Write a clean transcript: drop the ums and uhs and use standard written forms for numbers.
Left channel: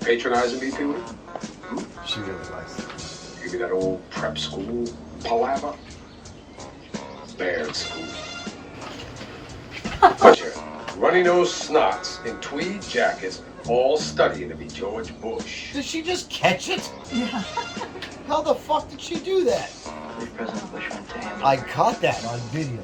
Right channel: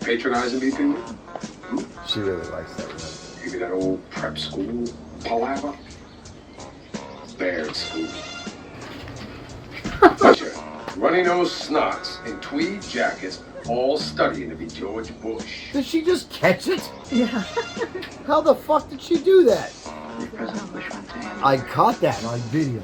Patronizing me, people? She really likes that. Maybe that old prep school palaver? Bad school. Bunch of runny-nosed snots in tweed jackets, all studying to be George Bush. Did she just catch it? Yeah. How the fuck did she do that? I caught that on video.